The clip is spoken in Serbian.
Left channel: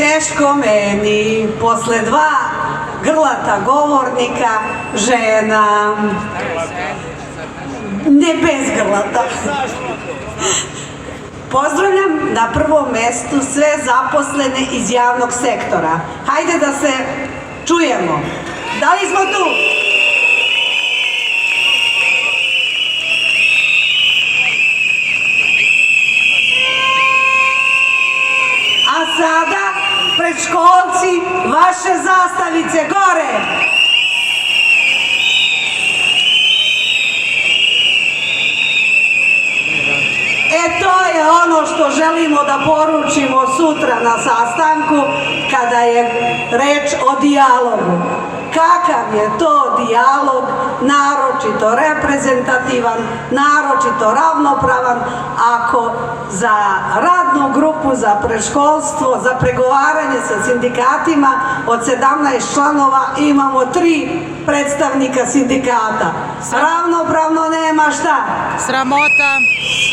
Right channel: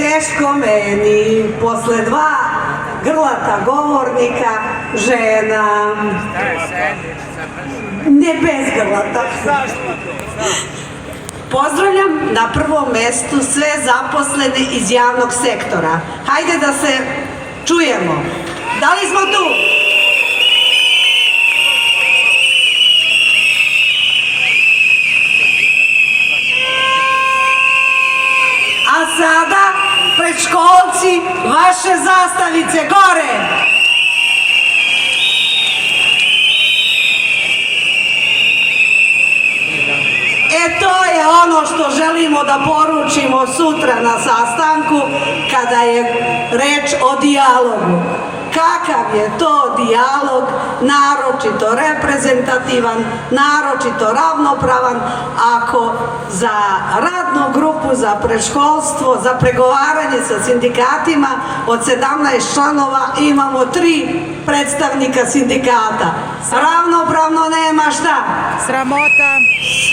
teško meni, posle dva grlata govornika, žena, ne bez grlata. Pozdravljam na prvom mestu sve zaposlene iz javnog sektora. Hajde da se čujemo. Da li smo tu? A sada, predškolci, vaše zastavice gore! To je ono što želimo da poručimo sutra na sastanku kada je reč o dijalogu. Kakav je to dijalog, naročito reprezentativan, naročito ravnopravan, ako za radnu grupu, za predškolstvo, za pregovaranje sa sindikatima od 17 članova imamo 3 predstavnika sindikata. Ravnopravno nema šta? Sramota.